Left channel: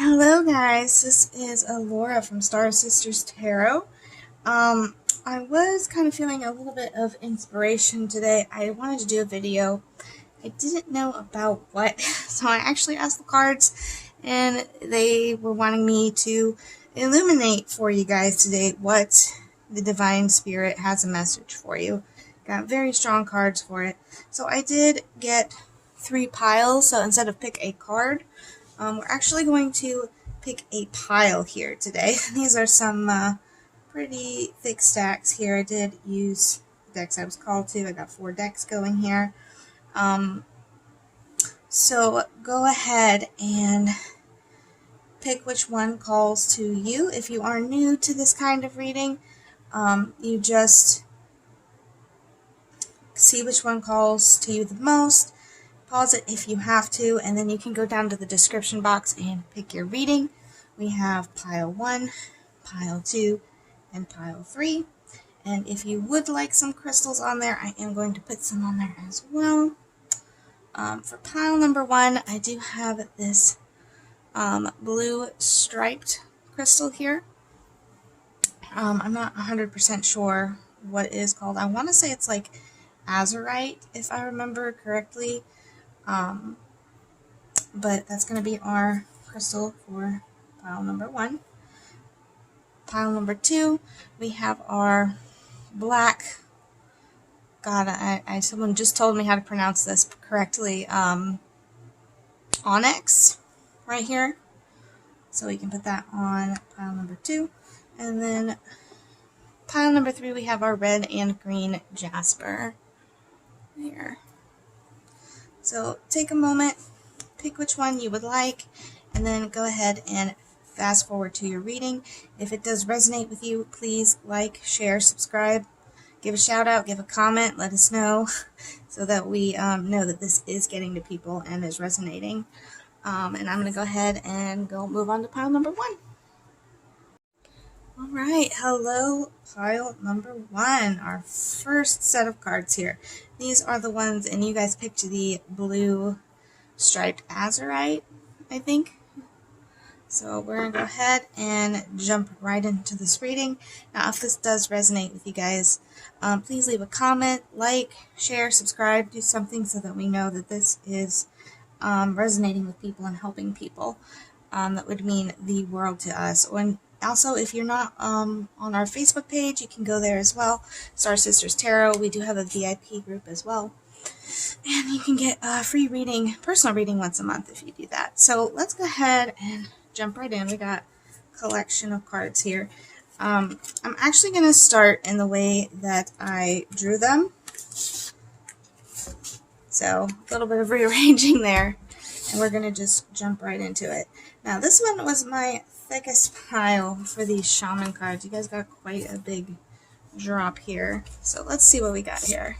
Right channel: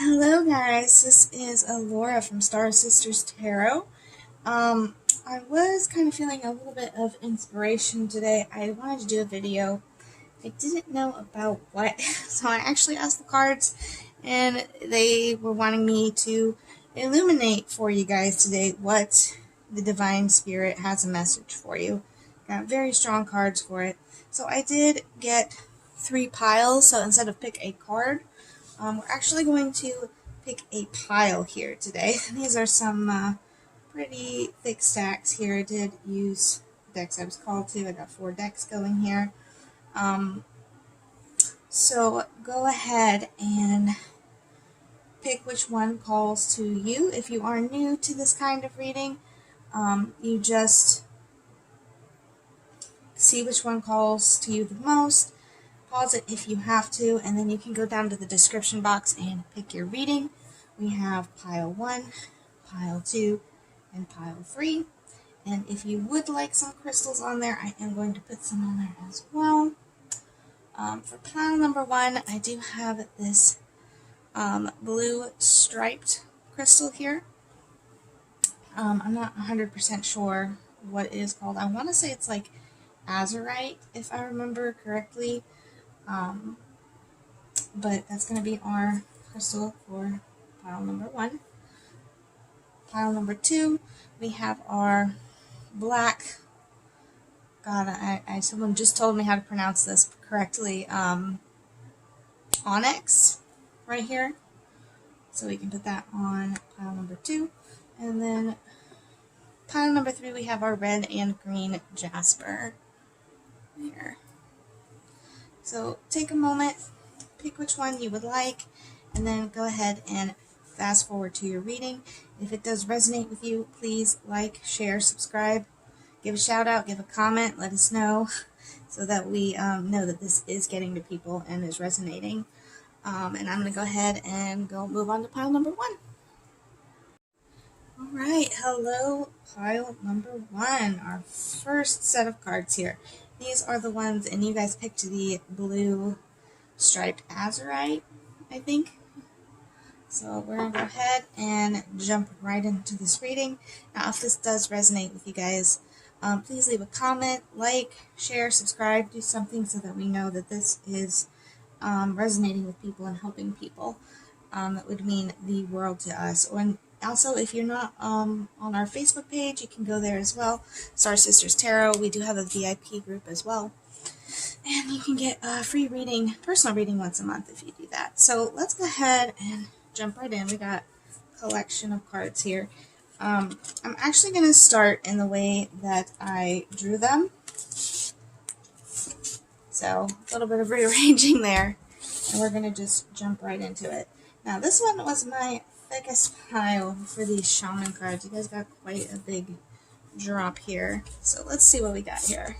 Hello guys, this is Alaura from Star Sisters Tarot. I was kind of feeling a little bit of inspiration today. I wanted to do a video. I didn't know about what, so I actually asked the cards and they were wanting me to illuminate for you guys today what the Divine Spirit has a message for you. Got very strong cards for it. So I did get 3 piles, so instead of pick a card, we're actually going to pick a pile here today. These are some pretty thick stacks here. I did use the decks I was called to. I got 4 decks going here. So go ahead and pick which one calls to you. If you are new to this kind of reading, you just see which one calls to you the most. Pause it if you have to, and then you can go down to the description box and pick your reading. We have pile 1, pile 2, and pile 3. And if you would like some crystals on there, I am going to put some on there as well. For pile number 1, I do have this blue striped crystal here. I'm not 100% sure what it is called. I want to say it's like azurite, if I remember correctly. But that's going to be our crystal for pile number 1. Pile number 2, we have our black, someone just told me how to pronounce this correctly, onyx right here. So we can put that on pile number 2. And then pile number 3, we have our red and green jasper here. So take a moment, pick which one you would like, and then go ahead and fast forward to your reading. If it does resonate with you, please like, share, subscribe, give a shout out, give a comment, let us know so that we know that this is getting to people and is resonating. And I'm going to go ahead and move on to pile number 1. Alright, hello pile number 1, our first set of cards here. These are the ones, and you guys picked the blue striped azurite, I think. So we're going to go ahead and jump right into this reading. Now if this does resonate with you guys, please leave a comment, like, share, subscribe, do something so that we know that this is resonating with people and helping people. That would mean the world to us. Also, if you're not on our Facebook page, you can go there as well. Star Sisters Tarot. We do have a VIP group as well. And you can get a free reading, personal reading once a month if you do that. So let's go ahead and jump right in. We got a collection of cards here. I'm actually going to start in the way that I drew them. So a little bit of rearranging there. And we're going to just jump right into it. Now this one was my thickest pile for these shaman cards. You guys got quite a big drop here. So let's see what we got here.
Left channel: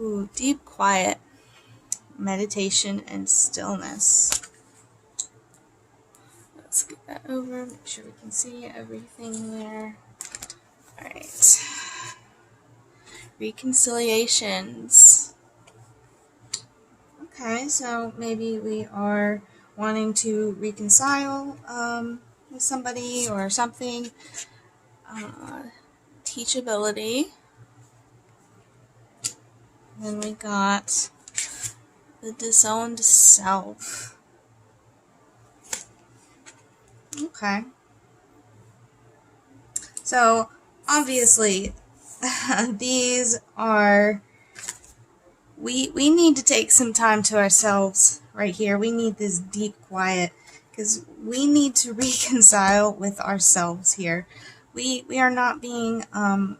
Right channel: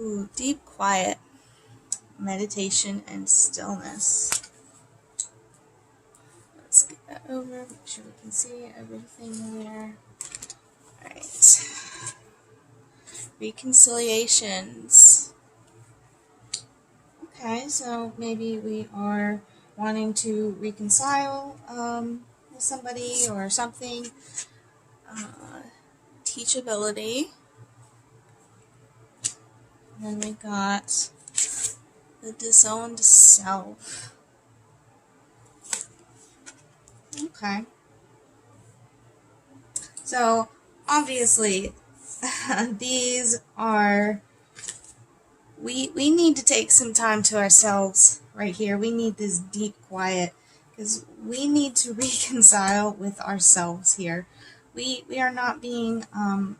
Ooh, deep quiet, meditation, and stillness. Let's get that over, make sure we can see everything there. Alright. Reconciliations. Okay, so maybe we are wanting to reconcile with somebody or something. Teachability. Then we got the disowned self. Okay. So obviously these are, we need to take some time to ourselves right here. We need this deep quiet because we need to reconcile with ourselves here. We are not being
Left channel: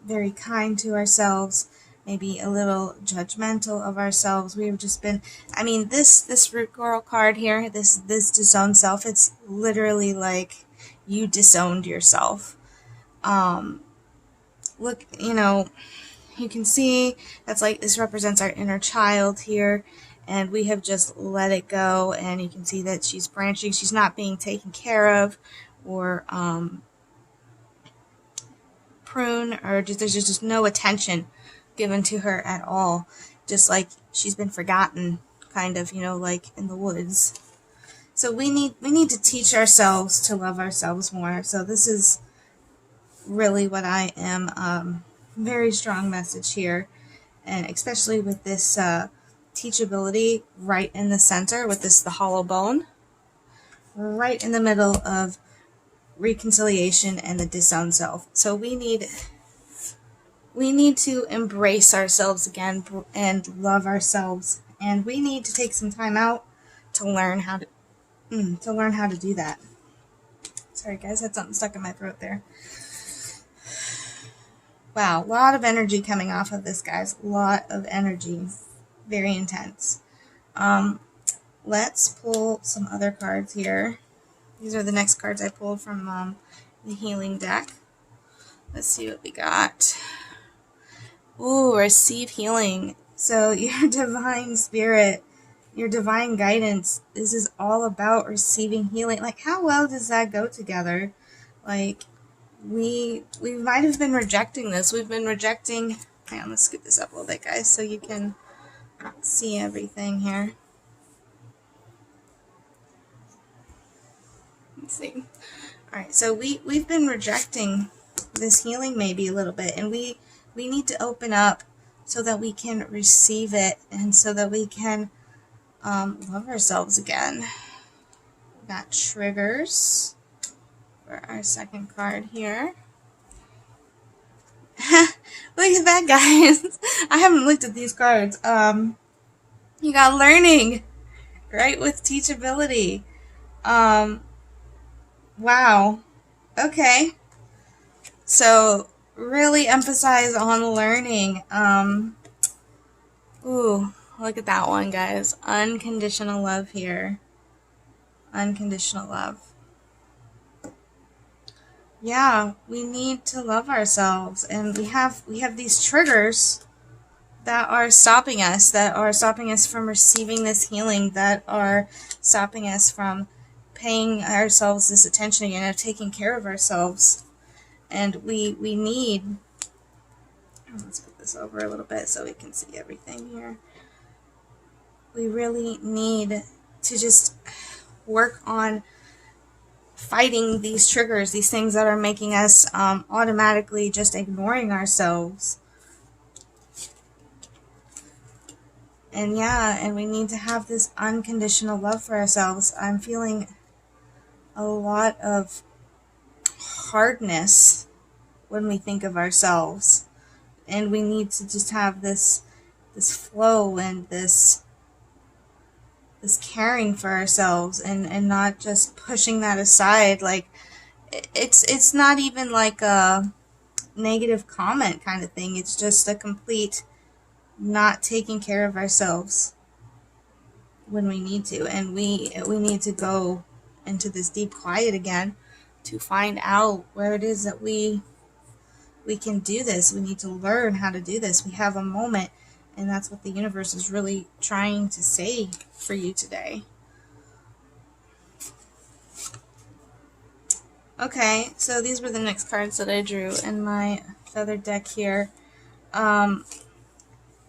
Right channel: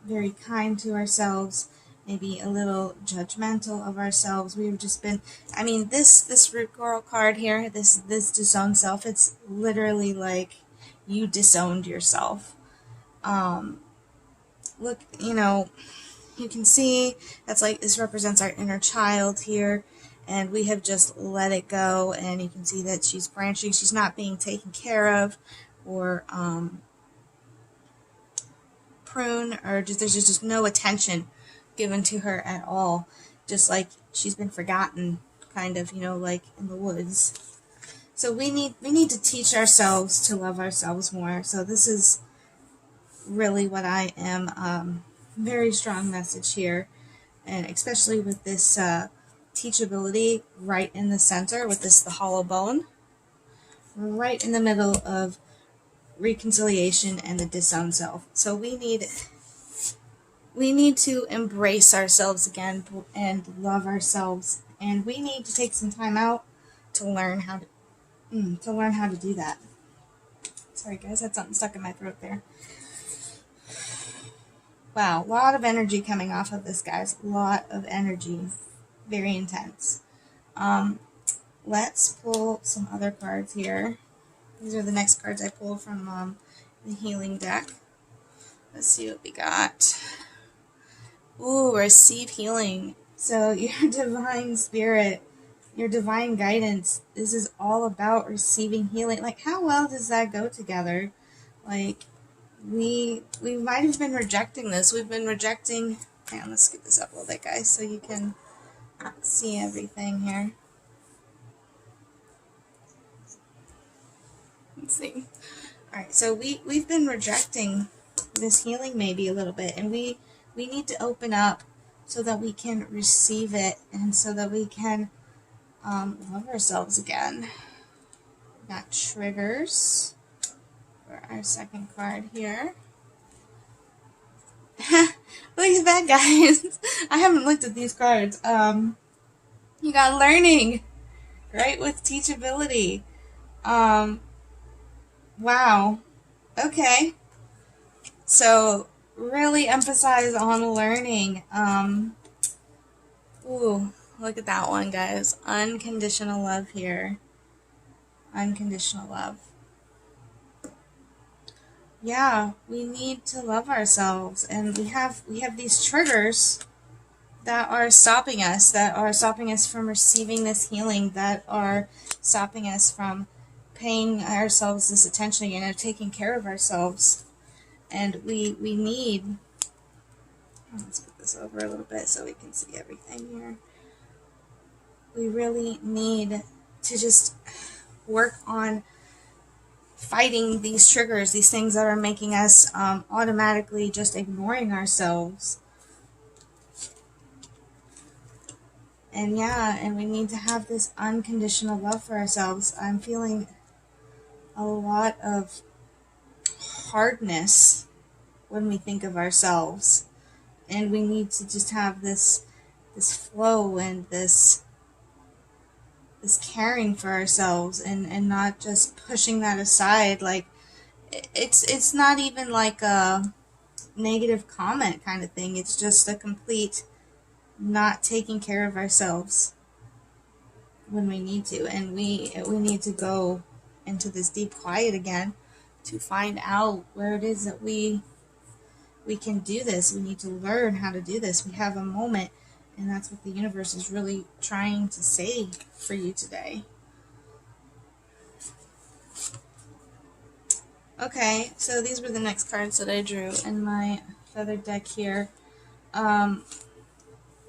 very kind to ourselves, maybe a little judgmental of ourselves. We've just been, I mean, this root coral card here, this disowned self, it's literally like you disowned yourself. Look, you know, you can see that's like, this represents our inner child here, and we have just let it go, and you can see that she's branching, she's not being taken care of, or prune, or just, there's just no attention given to her at all, just like she's been forgotten, kind of, you know, like in the woods. So we need to teach ourselves to love ourselves more. So this is really what I am, very strong message here, and especially with this teachability right in the center, with this the hollow bone, right in the middle of reconciliation and the disowned self. So we need to embrace ourselves again and love ourselves, and we need to take some time out to learn how to do that. Sorry guys, had something stuck in my throat there. Wow, a lot of energy coming off of this, guys. A lot of energy. Very intense. Let's pull some other cards here. These are the next cards I pulled from the healing deck. Let's see what we got. Ooh, receive healing. So your divine spirit, your divine guidance, this is all about receiving healing. Like, how well does that go together? Like, we might have been rejecting this. We've been rejecting... Hang on, let's scoot this up a little bit, guys, so you can see everything here. Let's see. Alright, so we've been rejecting this healing maybe a little bit, and we need to open up so that we can receive it, and so that we can love ourselves again. That triggers for our second card here. Look at that, guys. I haven't looked at these cards. You got learning, right, with teachability. Wow. Okay. So really emphasize on learning. Ooh, look at that one, guys. Unconditional love here. Unconditional love. Yeah, we need to love ourselves, and we have these triggers that are stopping us, from receiving this healing, that are stopping us from paying ourselves this attention again, of taking care of ourselves. And we need, let's put this over a little bit so we can see everything here. We really need to just work on fighting these triggers, these things that are making us automatically just ignoring ourselves. And yeah, and we need to have this unconditional love for ourselves. I'm feeling a lot of hardness when we think of ourselves, and we need to just have this flow and this caring for ourselves, and not just pushing that aside. Like, it's not even like a negative comment kind of thing. It's just a complete not taking care of ourselves when we need to, and we need to go into this deep quiet again to find out where it is that we can do this. We need to learn how to do this. We have a moment, and that's what the universe is really trying to say for you today. Okay, so these were the next cards that I drew in my feather deck here.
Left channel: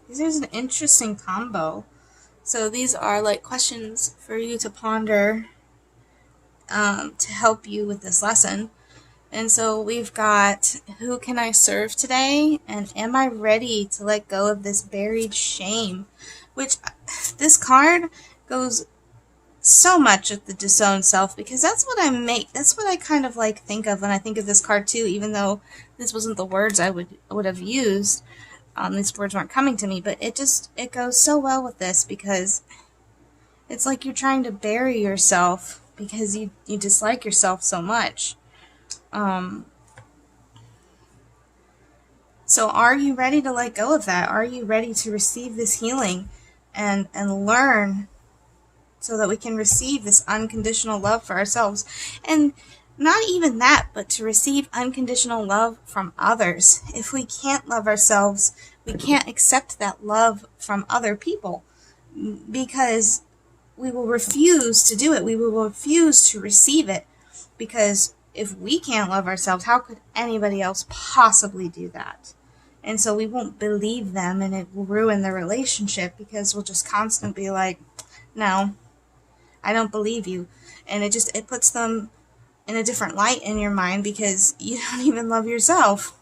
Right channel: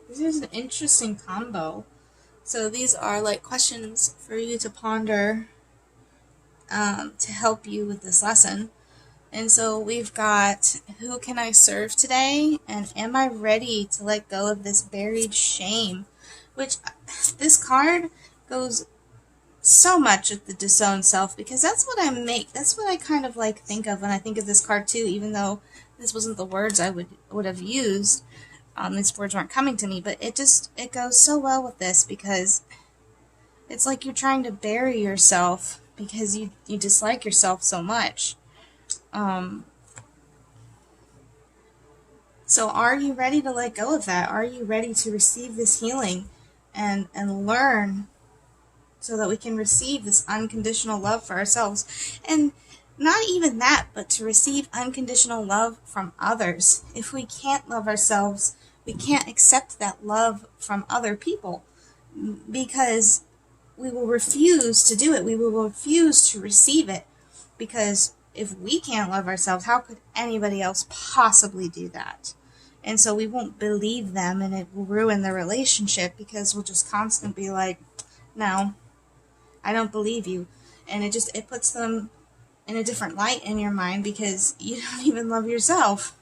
This is an interesting combo. So these are like questions for you to ponder to help you with this lesson. And so we've got, who can I serve today? And am I ready to let go of this buried shame? Which, this card goes so much with the disowned self, because that's what I kind of like think of when I think of this card too, even though this wasn't the words I would have used. These words weren't coming to me, but it goes so well with this, because it's like you're trying to bury yourself because you dislike yourself so much. So are you ready to let go of that? Are you ready to receive this healing and learn so that we can receive this unconditional love for ourselves? And not even that, but to receive unconditional love from others. If we can't love ourselves, we can't accept that love from other people, because we will refuse to do it. We will refuse to receive it, because if we can't love ourselves, how could anybody else possibly do that? And so we won't believe them, and it will ruin the relationship, because we'll just constantly be like, no, I don't believe you. and it puts them in a different light in your mind because you don't even love yourself.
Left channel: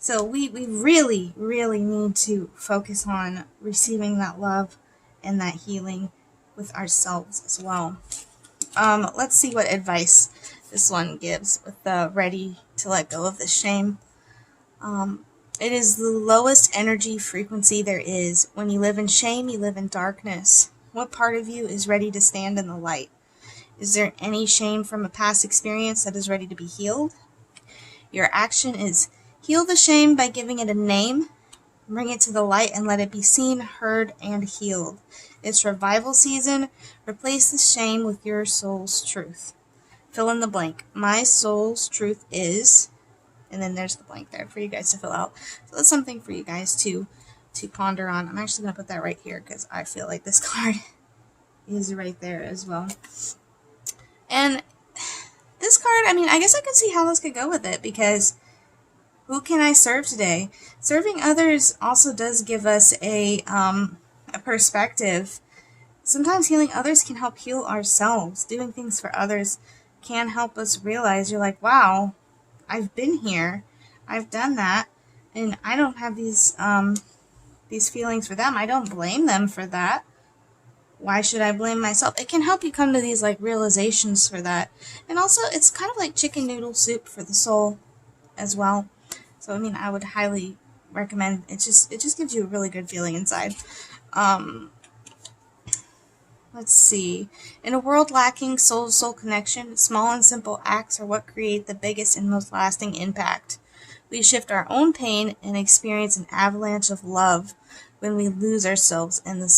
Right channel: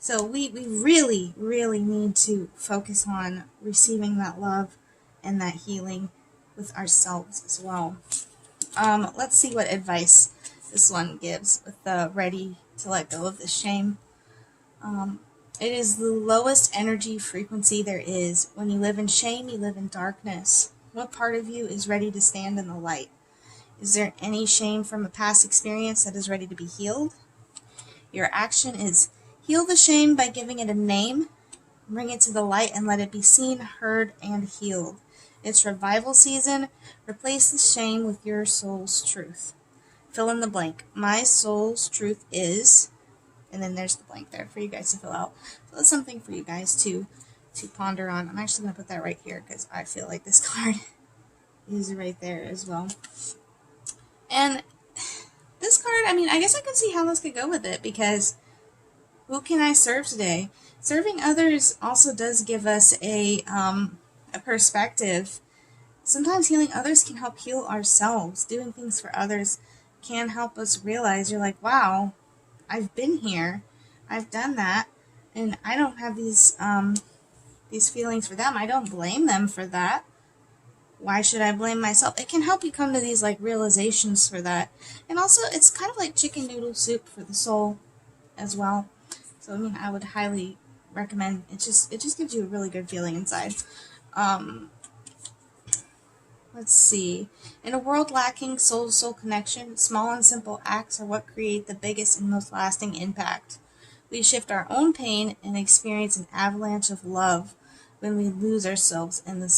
So we really, really need to focus on receiving that love and that healing with ourselves as well. Let's see what advice this one gives with the ready to let go of the shame. It is the lowest energy frequency there is. When you live in shame, you live in darkness. What part of you is ready to stand in the light? Is there any shame from a past experience that is ready to be healed? Your action is heal the shame by giving it a name, bring it to the light, and let it be seen, heard, and healed. It's revival season. Replace the shame with your soul's truth. Fill in the blank. My soul's truth is, and then there's the blank there for you guys to fill out. So that's something for you guys to ponder on. I'm actually going to put that right here because I feel like this card is right there as well. And this card, I mean, I guess I can see how this could go with it, because who can I serve today? Serving others also does give us a perspective. Sometimes healing others can help heal ourselves. Doing things for others can help us realize, you're like, wow, I've been here, I've done that, and I don't have these feelings for them. I don't blame them for that. Why should I blame myself? It can help you come to these like realizations for that. And also, it's kind of like chicken noodle soup for the soul as well. So I mean, I would highly recommend. It just gives you a really good feeling inside. Let's see. In a world lacking soul-to-soul connection, small and simple acts are what create the biggest and most lasting impact. We shift our own pain and experience an avalanche of love when we lose ourselves in the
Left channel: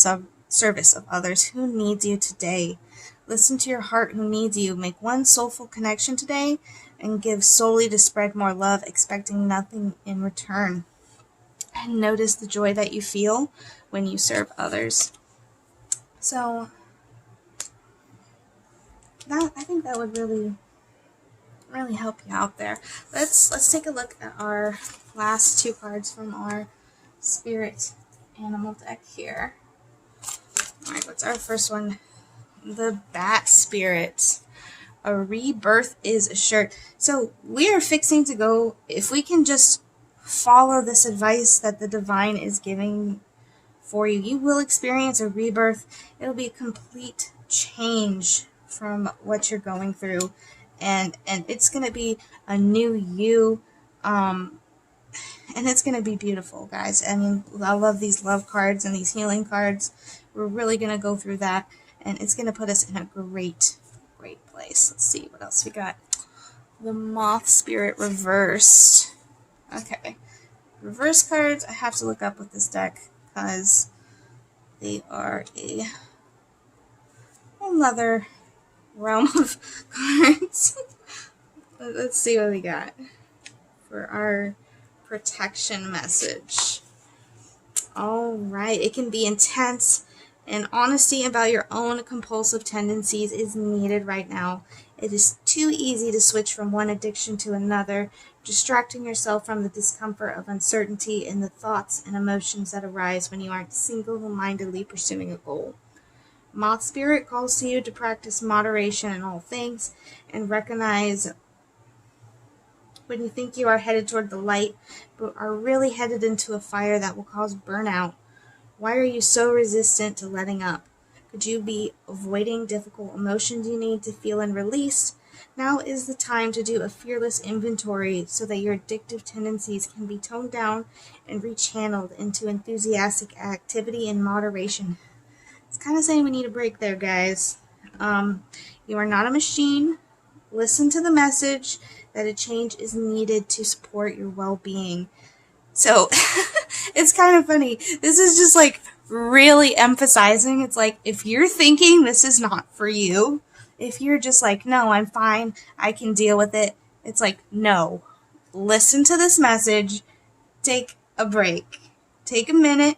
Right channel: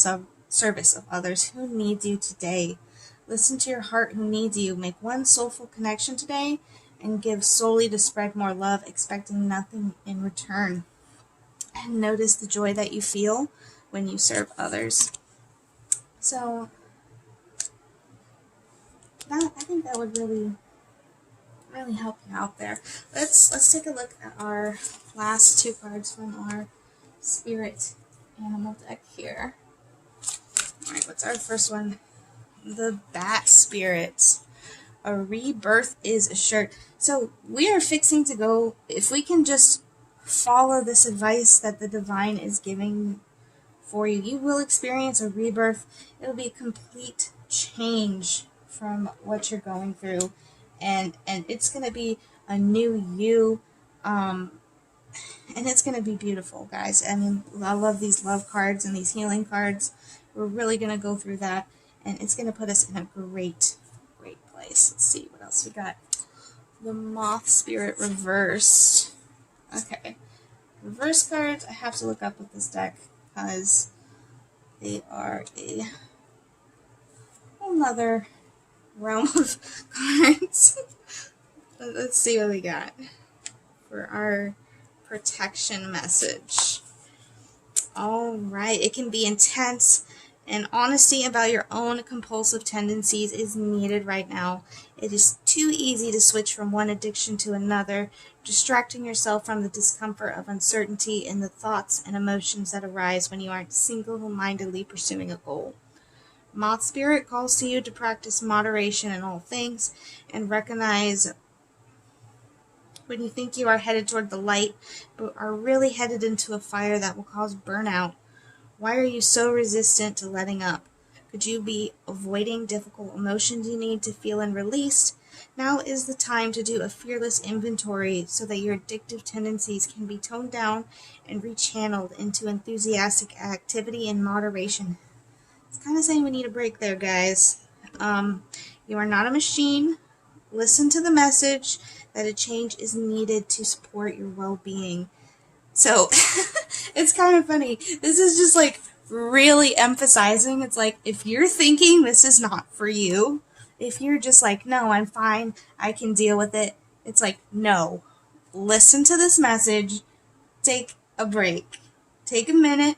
service of others. Who needs you today? Listen to your heart who needs you. Make one soulful connection today and give solely to spread more love, expecting nothing in return. And notice the joy that you feel when you serve others. So I think that would really help you out there. Let's take a look at our last two cards from our spirit animal deck here. Alright, what's our first one? The Bat Spirit. A rebirth is assured. So we are fixing to go, if we can just follow this advice that the divine is giving for you, you will experience a rebirth. It'll be a complete change from what you're going through, and it's going to be a new you, and it's going to be beautiful, guys. I mean, I love these love cards and these healing cards. We're really going to go through that, and it's going to put us in a great place. Let's see what else we got. The Moth Spirit reversed. Okay, reverse cards I have to look up with this deck because they are another realm of cards. Let's see what we got for our protection message. Alright, it can be intense, and honesty about your own compulsive tendencies is needed right now. It is too easy to switch from one addiction to another, distracting yourself from the discomfort of uncertainty and the thoughts and emotions that arise when you aren't single-mindedly pursuing a goal. Moth Spirit calls to you to practice moderation in all things and recognize when you think you are headed toward the light, but are really headed into a fire that will cause burnout. Why are you so resistant to letting up? Could you be avoiding difficult emotions you need to feel and release? Now is the time to do a fearless inventory so that your addictive tendencies can be toned down and rechanneled into enthusiastic activity and moderation. It's kind of saying we need a break there, guys. You are not a machine. Listen to the message that a change is needed to support your well-being. So, it's kind of funny. This is just like really emphasizing. It's like, if you're thinking this is not for you, if you're just like, no, I'm fine, I can deal with it. It's like, no. Listen to this message. Take a break. Take a minute.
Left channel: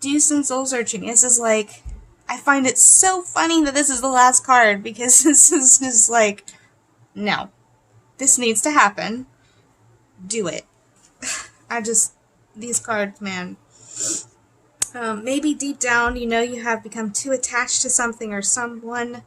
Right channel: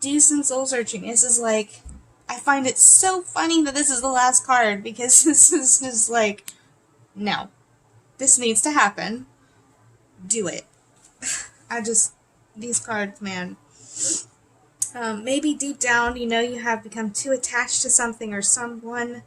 Do some soul searching. This is like, I find it so funny that this is the last card, because this is just like, no, this needs to happen. Do it. These cards, man. Maybe deep down, you know you have become too attached to something or someone.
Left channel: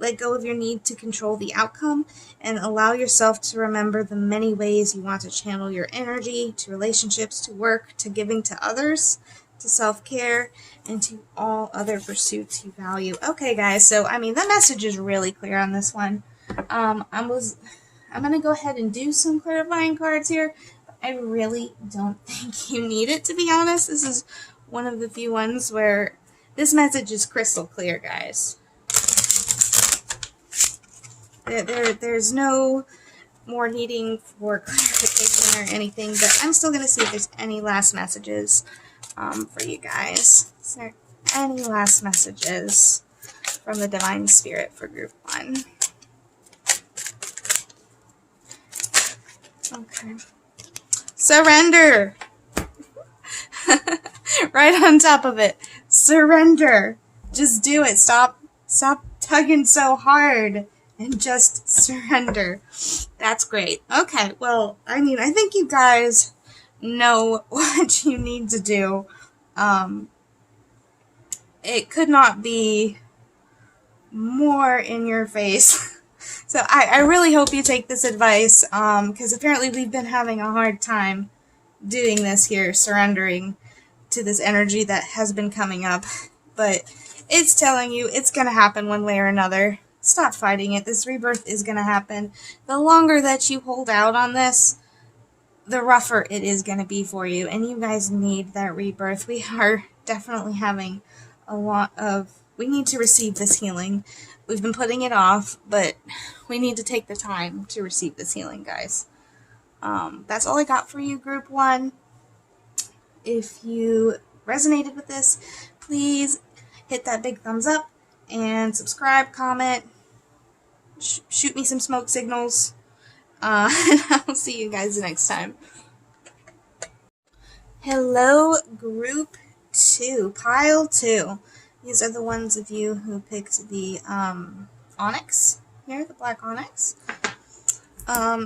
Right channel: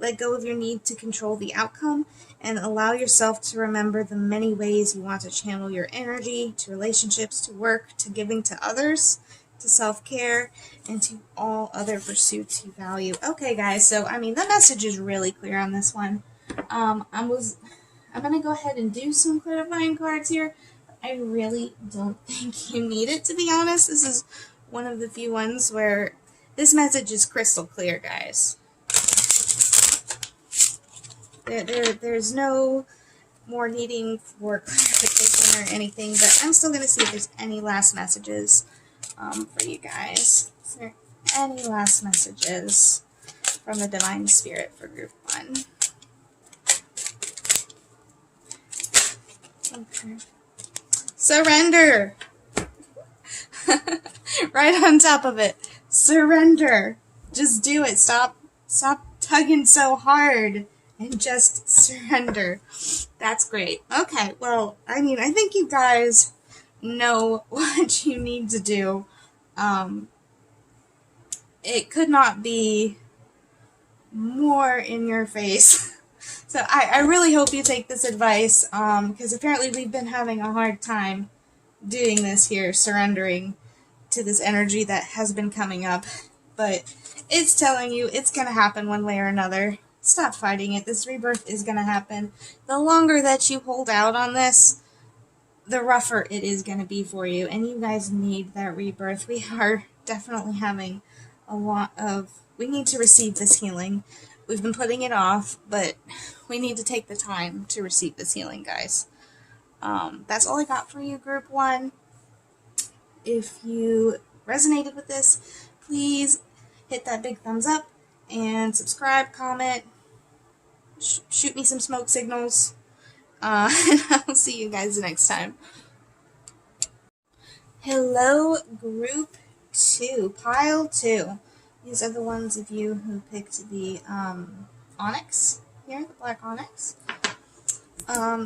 let go of your need to control the outcome, and allow yourself to remember the many ways you want to channel your energy to relationships, to work, to giving to others, to self-care, and to all other pursuits you value. Okay, guys, so, I mean, the message is really clear on this one. I'm going to go ahead and do some clarifying cards here. I really don't think you need it, to be honest. This is one of the few ones where this message is crystal clear, guys. There's no more needing for clarification or anything, but I'm still going to see if there's any last messages for you guys. Is there any last messages from the Divine Spirit for Group 1? Okay. Surrender! Right on top of it. Surrender. Just do it. Stop tugging so hard and just surrender. That's great. Okay, well, I mean, I think you guys know what you need to do. It could not be more in your face. So I really hope you take this advice, because apparently we've been having a hard time doing this here, surrendering to this energy that has been coming up. But it's telling you it's going to happen one way or another. Stop fighting it. This rebirth is going to happen. The longer that you hold out on this, the rougher it is going to be for you. And you guys need that rebirth. We are definitely having a lot of... We need to receive this healing. We've been putting it off, but we need to take the time to receive this healing, guys. That's all I got for you, Group 1. If you resonated with this, please hit that big thumbs up and subscribe, comment, shoot me some smoke signals, and I'll see you guys next time. Hello, Group 2, Pile 2. These are the ones of you who picked the onyx here, the black onyx.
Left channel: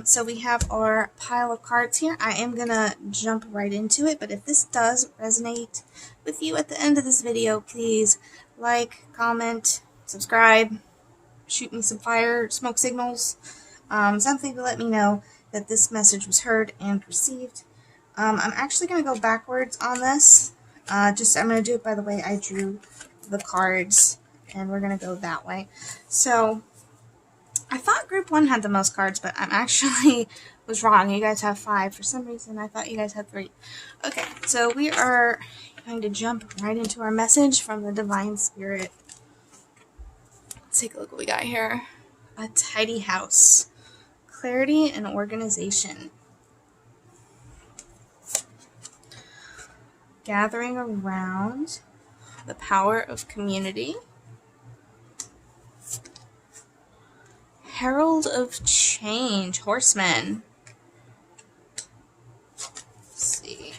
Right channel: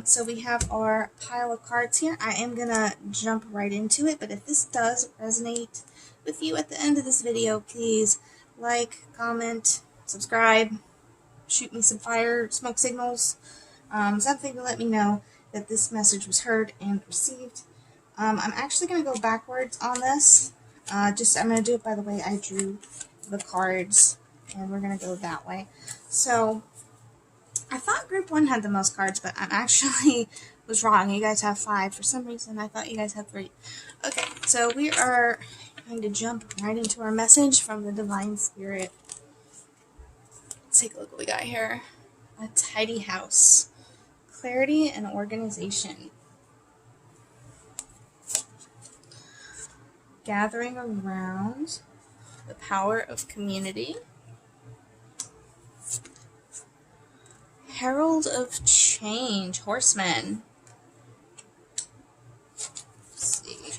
So we have our pile of cards here. I am going to jump right into it, but if this does resonate with you at the end of this video, please like, comment, subscribe, shoot me some fire smoke signals, something to let me know that this message was heard and received. I'm actually going to go backwards on this. I'm going to do it by the way I drew the cards, and we're going to go that way. So I thought Group 1 had the most cards, but I'm actually was wrong. You guys have 5. For some reason, I thought you guys had 3. Okay, so we are going to jump right into our message from the Divine Spirit. Let's take a look what we got here. A tidy house. Clarity and organization. Gathering around. The power of community. Herald of change. Horseman. Let's see.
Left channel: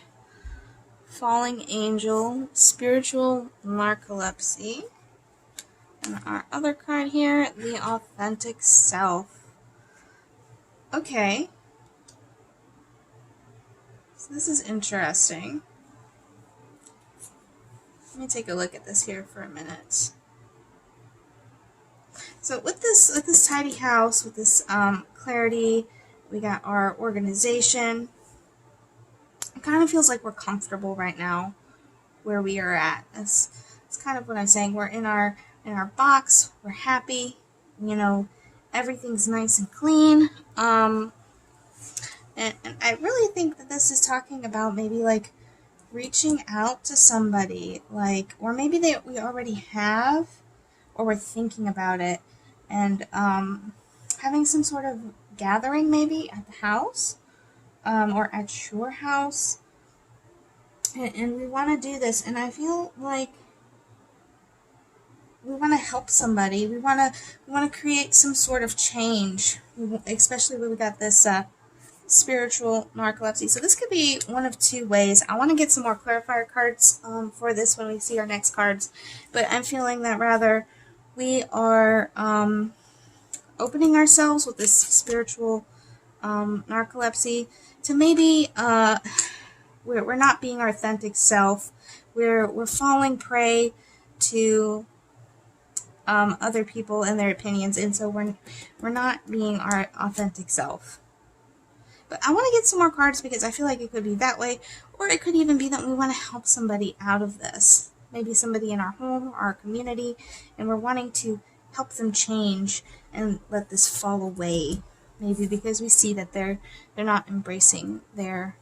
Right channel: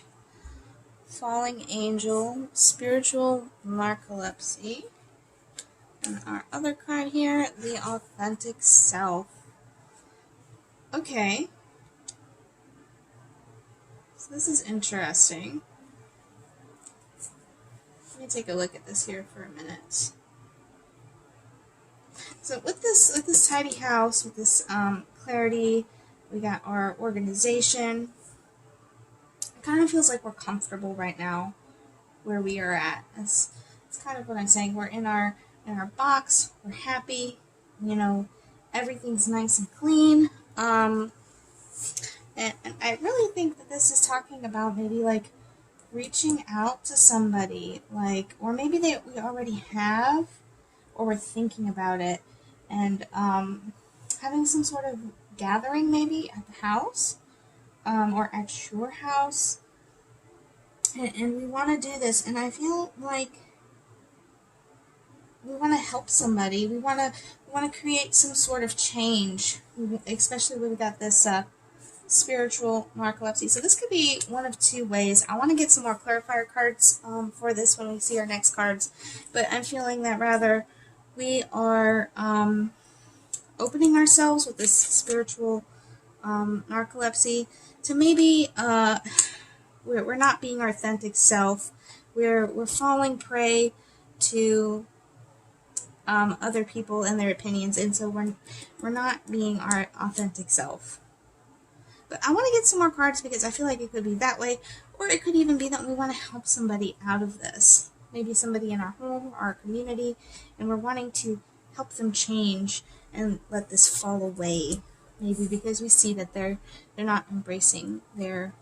Falling angel. Spiritual narcolepsy. And our other card here, the authentic self. Okay. So this is interesting. Let me take a look at this here for a minute. So with this tidy house, with this clarity, we got our organization. It kind of feels like we're comfortable right now where we are at. That's kind of what I'm saying. We're in our box. We're happy. You know, everything's nice and clean. And I really think that this is talking about maybe like reaching out to somebody, like, or maybe we already have, or we're thinking about it, and having some sort of gathering maybe at the house, or at your house, and we want to do this, and I feel like we want to help somebody. We want to create some sort of change, especially when we got this spiritual narcolepsy. So this could be one of 2 ways. I want to get some more clarifier cards for this when we see our next cards, but I'm feeling that rather we are opening ourselves with this spiritual narcolepsy to maybe we're not being our authentic self. We're falling prey to other people and their opinions, and so we're not being our authentic self. But I want to get some more cards because I feel like it could be that way, or it could even be that we want to help somebody out of this. Maybe somebody in our home, our community, and we're wanting to help them change and let this fall away. Maybe because we see that they're not embracing their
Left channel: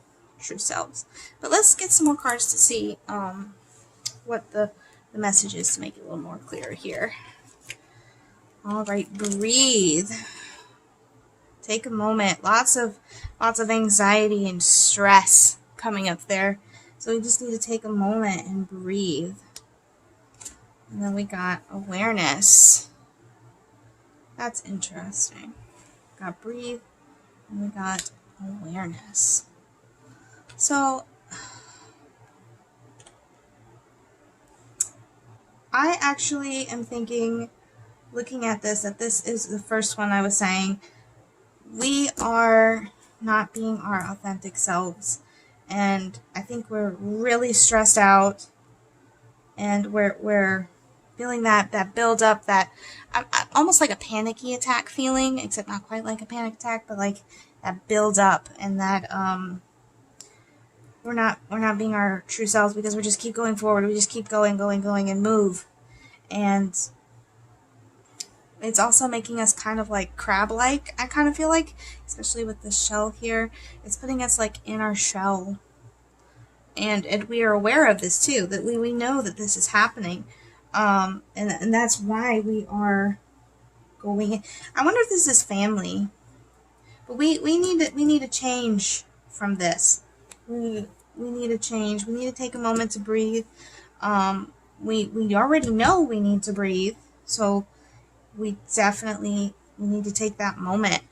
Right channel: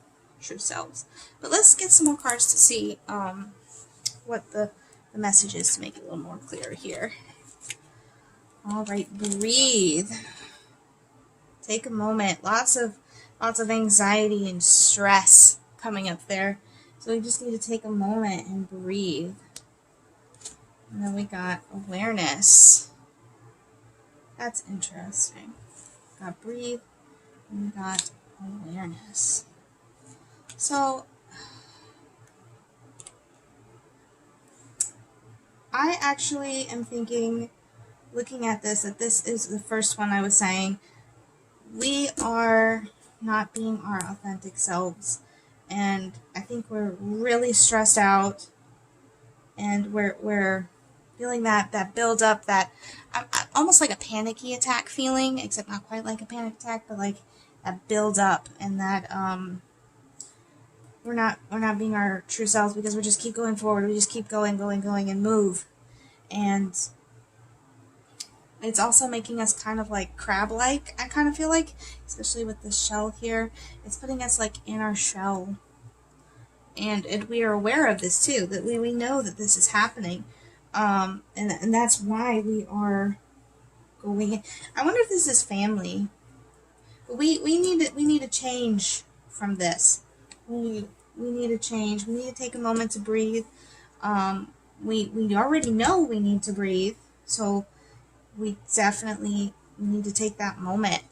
true selves. But let's get some more cards to see what the message is to make it a little more clear here. All right, breathe. Take a moment. Lots of anxiety and stress coming up there. So we just need to take a moment and breathe. And then we got awareness. That's interesting. Got breathe, and we got awareness. So I actually am thinking, looking at this, that this is the first one I was saying. We are not being our authentic selves, and I think we're really stressed out, and we're feeling that build up, that almost like a panicky attack feeling, except not quite like a panic attack, but like that build up, and that we're not being our true selves because we just keep going forward. We just keep going and move, and it's also making us kind of like crab-like, I kind of feel like, especially with this shell here. It's putting us like in our shell. And we are aware of this too, that we know that this is happening. And that's why we are going. I wonder if this is family. But we need to change from this. We need to change. We need to take a moment to breathe. We already know we need to breathe. So we need to take that moment.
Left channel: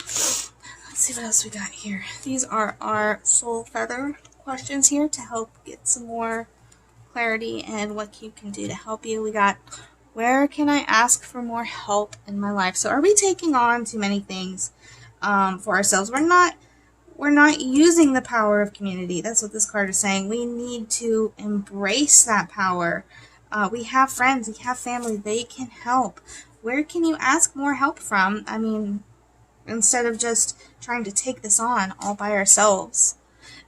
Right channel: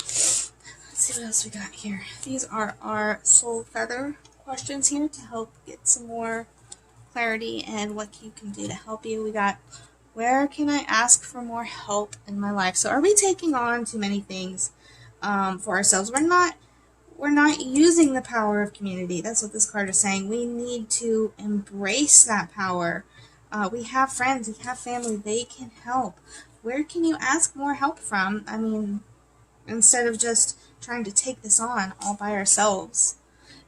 Let's see what else we got here. These are our soul feather questions here to help get some more clarity and what you can do to help you. We got, where can I ask for more help in my life? So are we taking on too many things for ourselves? We're not using the power of community. That's what this card is saying. We need to embrace that power. We have friends, we have family, they can help. Where can you ask more help from? I mean, instead of just trying to take this on all by ourselves.